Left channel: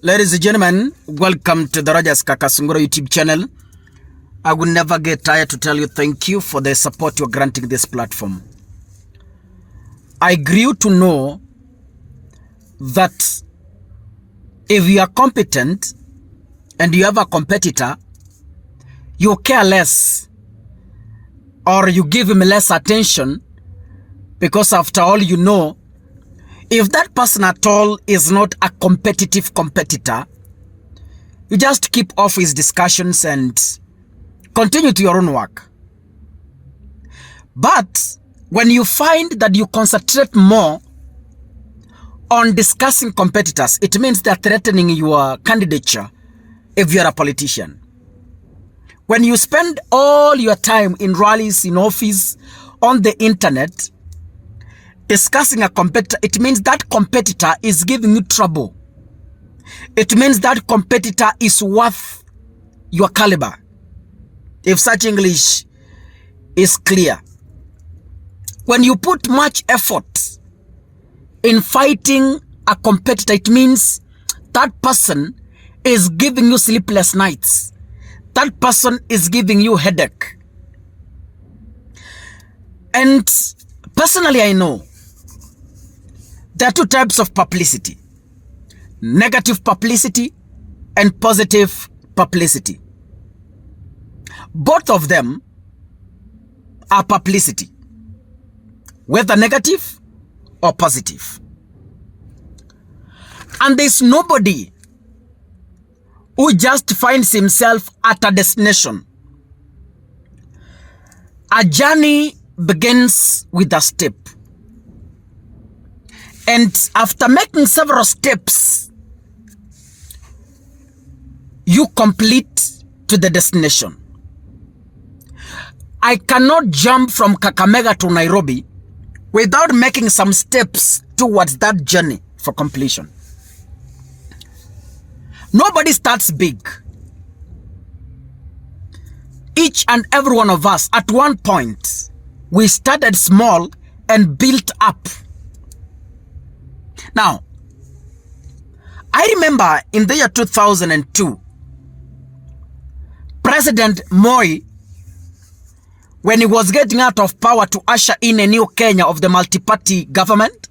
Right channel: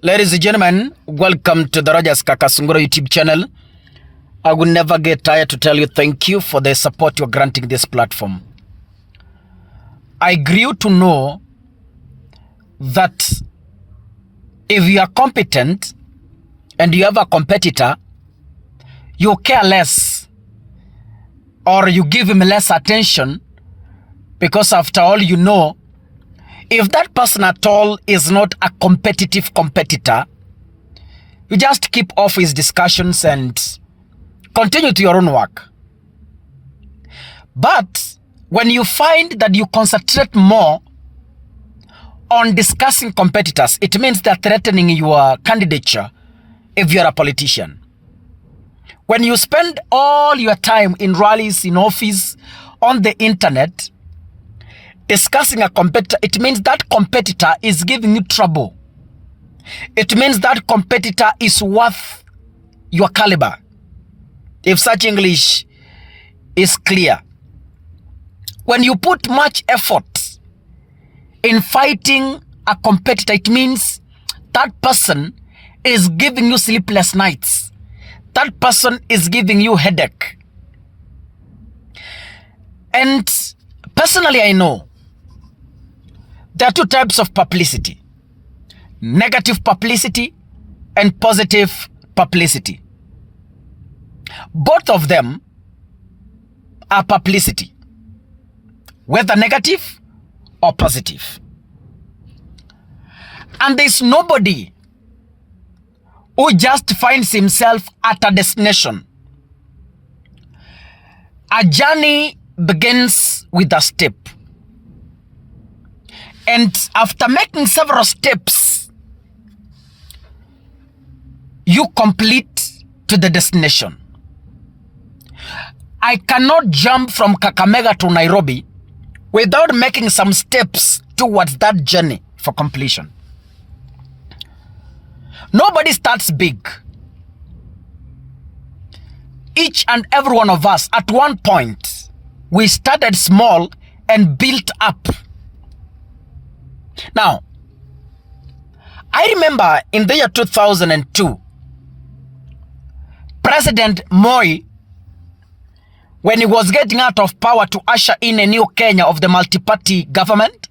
Ladies and gentlemen, welcome to the Rogers Kakasungura YouTube channel. I will never get tired to tell you thank you for the support you're granting this platform. I grew to know that if you are competent and you have a competitor, you care less or you give him less attention because after all you know, if that person at all is not a competitive competitor, you just keep off his discussions and continue to your own work. But when you find that you concentrate more on discussing competitors, it means they're threatening your candidature if you're a politician. When you spend all your time in rallies, in office, on the internet, discussing a competitor, it means that competitor is giving you trouble. It means that competitor is worth your caliber, if such English is clear. When you put much effort in fighting a competitor, it means that person is giving you sleepless nights. That person is giving you headache. And personally, I know there are two types of publicity: negative publicity and positive publicity. Both of them are publicity, whether negative or positive. And there's nobody who just finds himself at a destination. A journey begins with a step. And after making several steps, you complete to the destination. I cannot jump from Kakamega to Nairobi without making some steps towards that journey for completion. Nobody starts big. Each and every one of us, at one point, we started small and built up. Now, I remember in the year 2002, President Moi, when he was getting out of power to usher in a new Kenya of the multi-party government,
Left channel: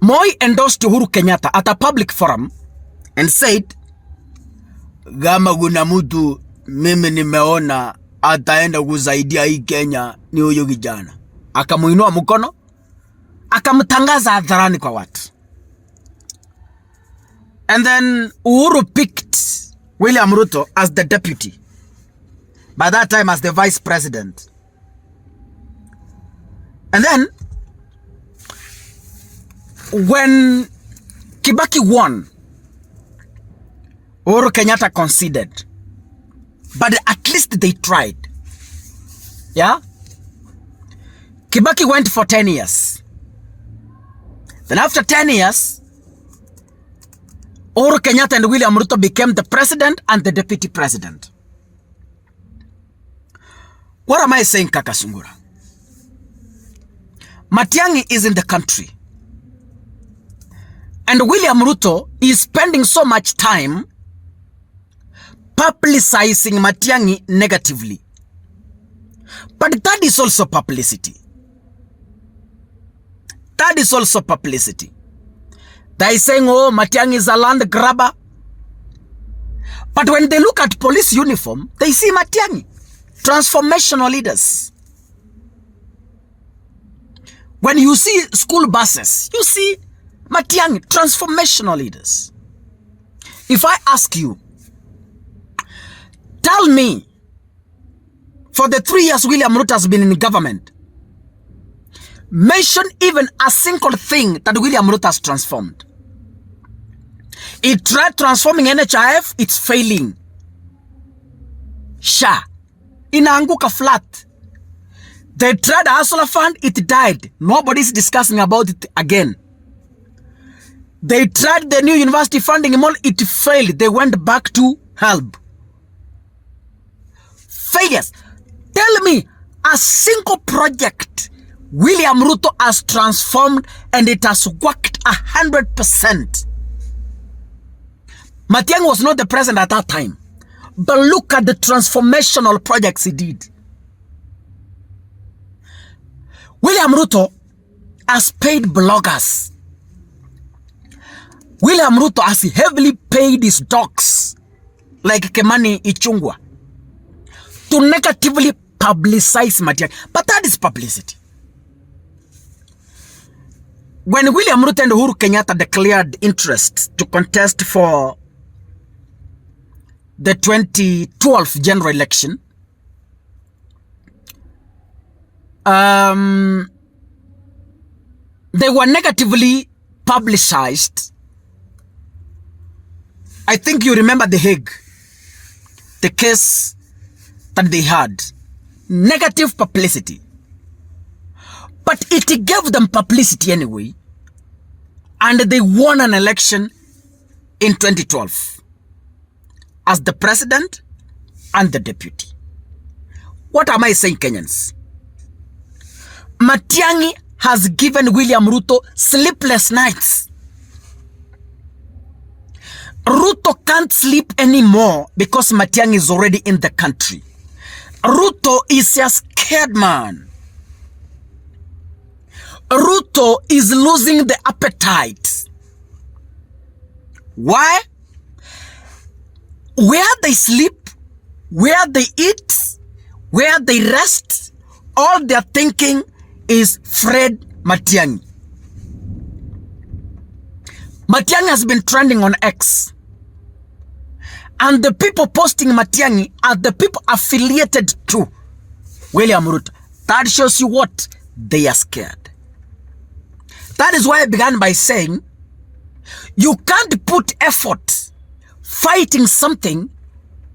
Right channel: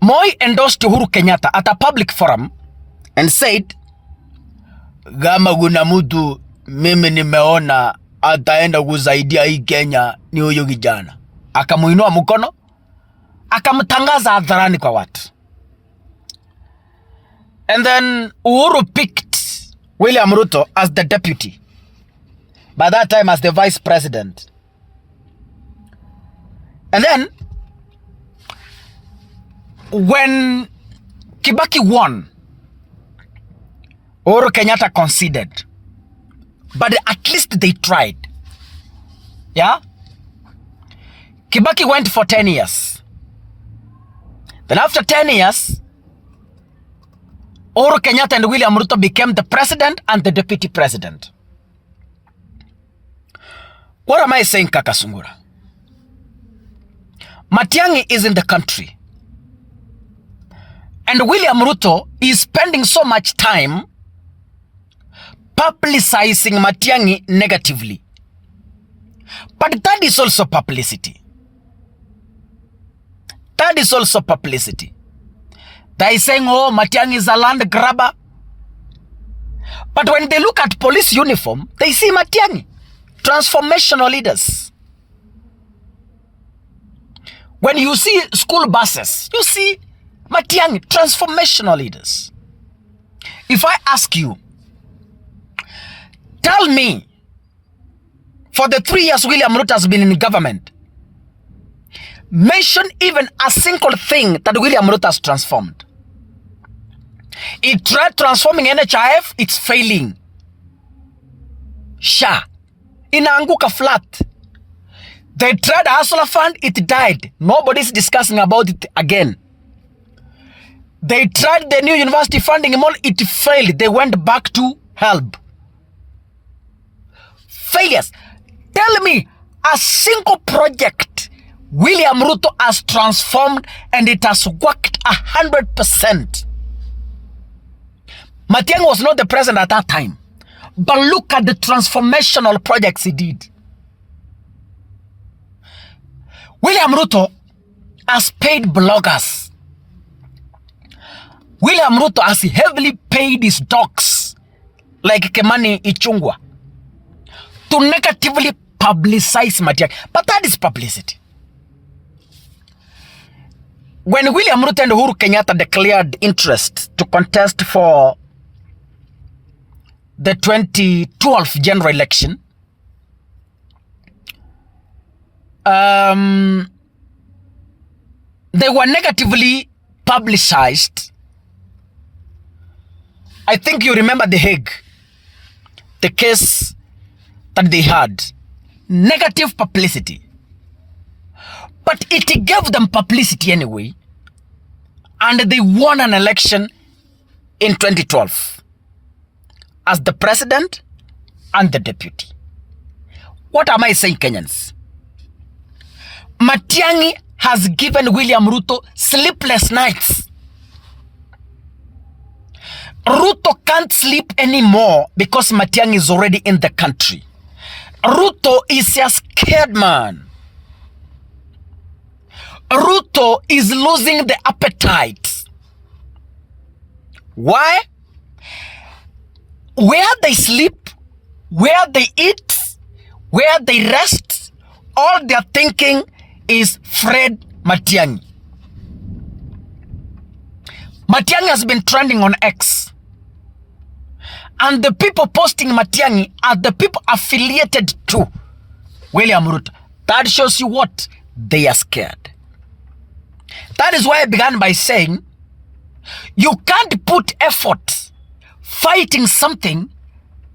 Moi endorsed Uhuru Kenyatta at a public forum and said, "Gama guna mtu mimi nimeona ataenda kusaidia hii Kenya ni huyo kijana." Akamuinua mkono, akamtangaza hadharani kwa watu. And then Uhuru picked William Ruto as the deputy, by that time as the vice president. And then when Kibaki won, Uhuru Kenyatta conceded, but at least they tried. Yeah? Kibaki went for 10 years. Then after 10 years, Uhuru Kenyatta and William Ruto became the president and the deputy president. What am I saying, Kakasungura? Matiangi is in the country. And William Ruto is spending so much time publicizing Matiangi negatively. But that is also publicity. That is also publicity. They are saying, oh, Matiangi is a land grabber. But when they look at police uniform, they see Matiangi. Transformational leaders. When you see school buses, you see Matiangi, transformational leaders. If I ask you, tell me, for the 3 years William Ruto has been in government, mention even a single thing that William Ruto has transformed. He tried transforming NHIF, it's failing. SHA, inaanguka flat. They tried Hustler Fund, it died. Nobody's discussing about it again. They tried the new university funding, it failed. They went back to HELB. Failures. Tell me a single project William Ruto has transformed and it has worked 100%. Matiang'i was not the president at that time. But look at the transformational projects he did. William Ruto has paid bloggers. William Ruto has heavily paid his dogs, like Kemani Ichungwa, to negatively publicize Matiang'i. But that is publicity. When William Ruto and Uhuru Kenyatta declared interest to contest for the 2012 general election, they were negatively publicized. I think you remember the Hague, the case that they had. Negative publicity. But it gave them publicity anyway. And they won an election in 2012 as the president and the deputy. What am I saying, Kenyans? Matiang'i has given William Ruto sleepless nights. Ruto can't sleep anymore because Matiang'i is already in the country. Ruto is a scared man. Ruto is losing the appetite. Why? Where they sleep, where they eat, where they rest, all they're thinking is Fred Matiang'i. Matiang'i has been trending on X. And the people posting Matiang'i are the people affiliated to William Ruto. That shows you what? They are scared. That is why I began by saying, you can't put effort fighting something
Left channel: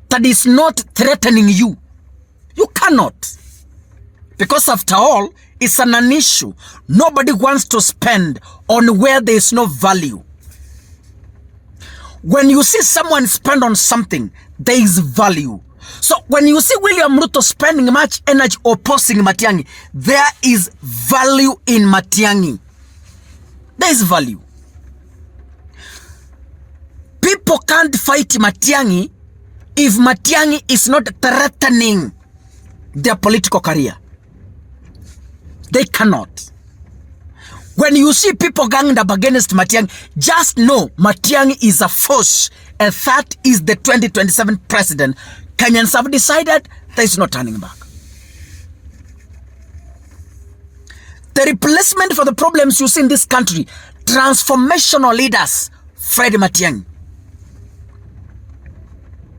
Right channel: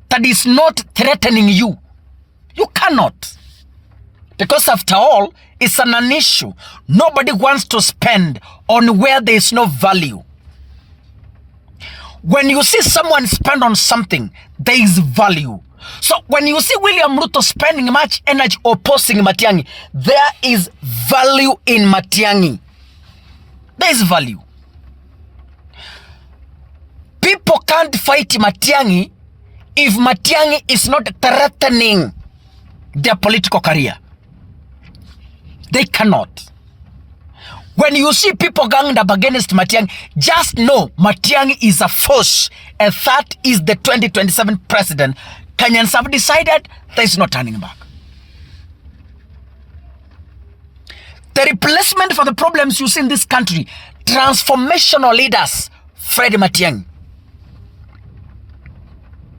that is not threatening you. You cannot. Because after all, it's an issue. Nobody wants to spend on where there is no value. When you see someone spend on something, there is value. So when you see William Ruto spending much energy opposing Matiang'i, there is value in Matiang'i. There is value. People can't fight Matiang'i if Matiang'i is not threatening their political career. They cannot. When you see people ganged up against Matiang'i, just know Matiang'i is a force, and that is the 2027 president. Kenyans have decided there is no turning back. The replacement for the problems you see in this country, transformational leaders, Fred Matiang'i.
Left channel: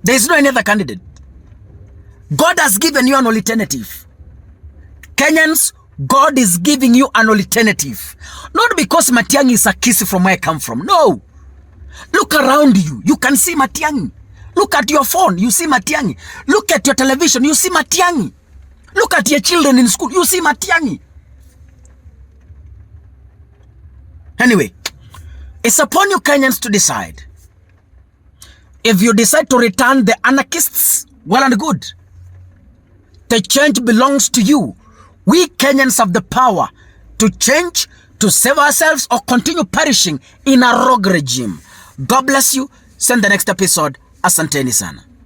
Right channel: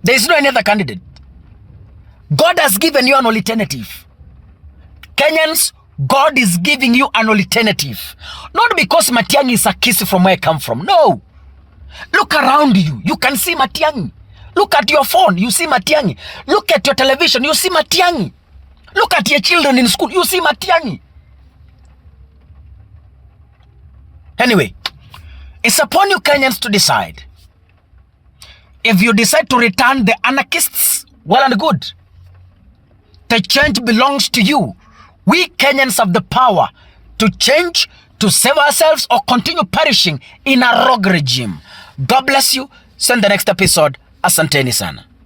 There is no any other candidate. God has given you an alternative. Kenyans, God is giving you an alternative. Not because Matiang'i is a kiss from where I come from. No. Look around you. You can see Matiang'i. Look at your phone. You see Matiang'i. Look at your television. You see Matiang'i. Look at your children in school. You see Matiang'i. Anyway, it's upon you Kenyans to decide. If you decide to return the anarchists, well and good. The change belongs to you. We Kenyans have the power to change, to save ourselves, or continue perishing in a rogue regime. God bless you. Send the next episode. Asanteni sana.